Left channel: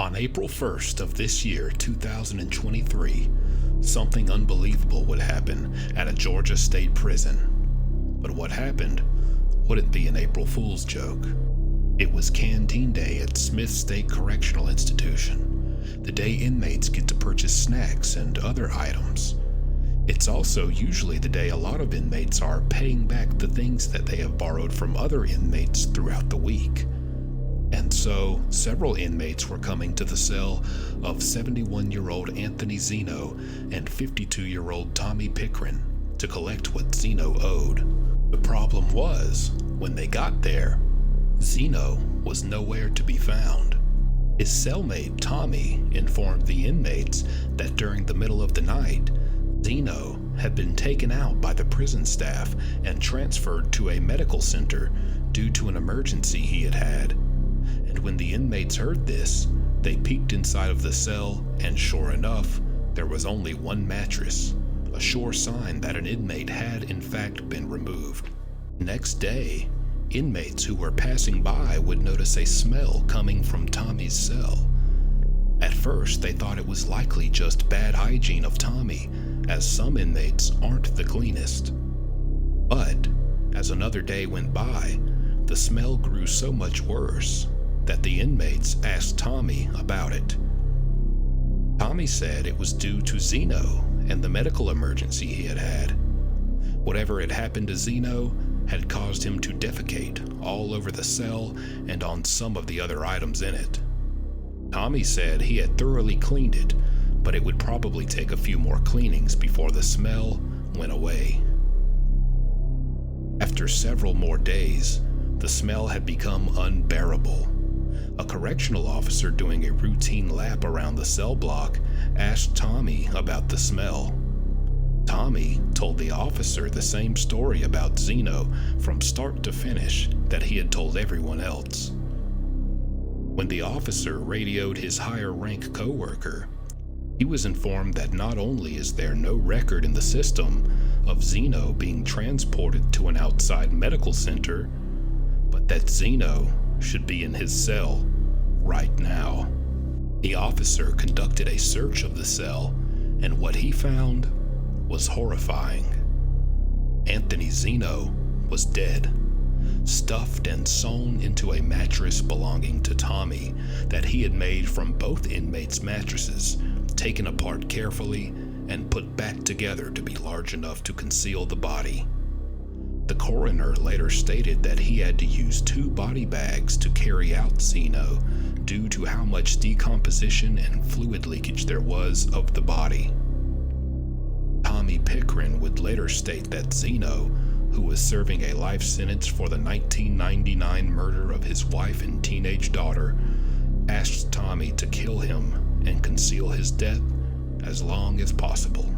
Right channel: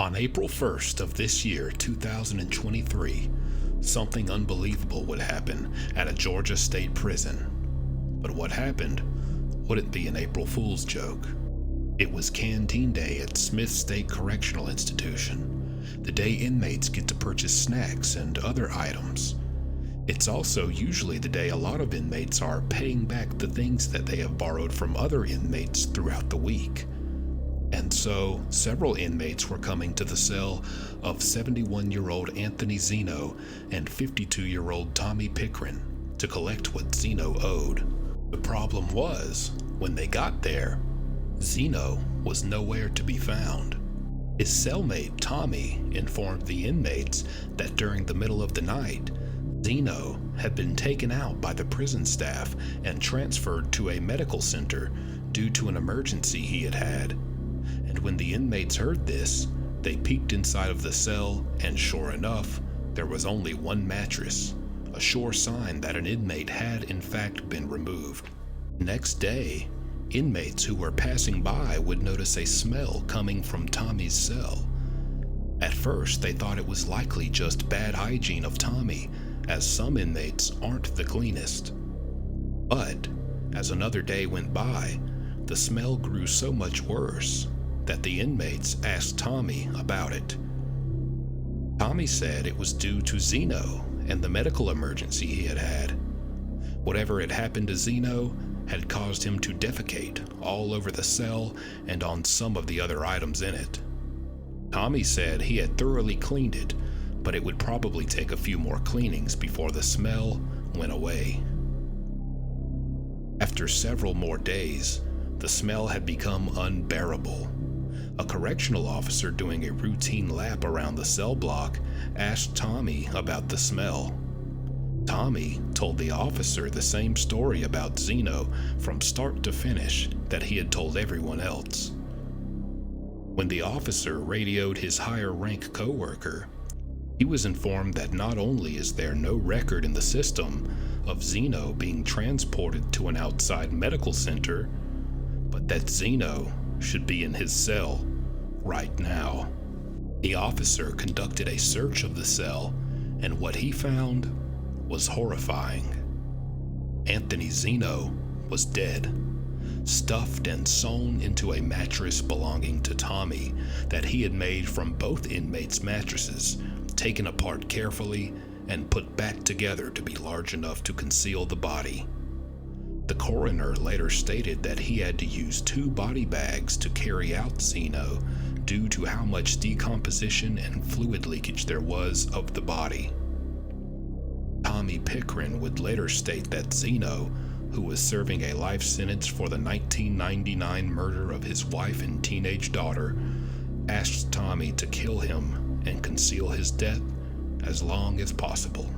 On April 1st of this year, 2023, something unbelievable would happen at a Georgia state prison. But what happened wouldn't be an April Fool's joke. It was Canteen Day at Smith State Correctional Institution, the day inmates get to purchase snacks and other items. It's also usually the day a lot of inmates are paying back the things that they have borrowed from other inmates throughout the week. And so, several inmates were coming to the cell of 71-year-old Anthony Zeno and 52-year-old Tommy Pickren to collect what Zeno owed. The problem was, when they got there, Zeno was nowhere to be found. His cellmate, Tommy, informed the inmates that during the middle of the night, Zeno had been taken out by the prison staff and transferred to a medical center due to an emergency he had had. And when the inmates heard this, they peeked inside of the cell, and sure enough, there was only one mattress, a sure sign that an inmate had in fact been removed. Next day, inmates who were passing by would notice a smell coming from Tommy's cell. At first, they thought it was likely just bad hygiene of Tommy, as some inmates aren't the cleanest. But, as another day went by, the smell grew so much worse that the inmates asked Tommy about it. Tommy said it was due to Zeno and the medical emergency he had had. Whatever had happened to Zeno had caused him to defecate all over the cell and on some of the other items in it. Tommy said he had thoroughly cleaned it, but it would probably take a few more cleanings before the smell went away. After several more days, the smell had become unbearable. A correctional officer doing a routine lap around the cell block asked Tommy about the smell. Tommy told the officer the same story about Zeno from start to finish that he had told everyone else. When the officer radioed his higher rank coworker, he was informed that not only is there no record in the system of Zeno being transported to an outside medical center, but that Zeno should be in his cell right now. The officer conducted a search of the cell, and what he found was horrifying. Anthony Zeno was dead, stuffed and sewn into a mattress belonging to Tommy that he had made from both inmates' mattresses, taken apart carefully and put back together to be large enough to conceal the body. The coroner later stated that he had to use 2 body bags to carry out Zeno due to how much decomposition and fluid leakage there was of the body. Tommy Pickren would later state that Zeno, who was serving a life sentence for the 1999 murder of his wife and teenage daughter, asked Tommy to kill him and conceal his death as long as possible.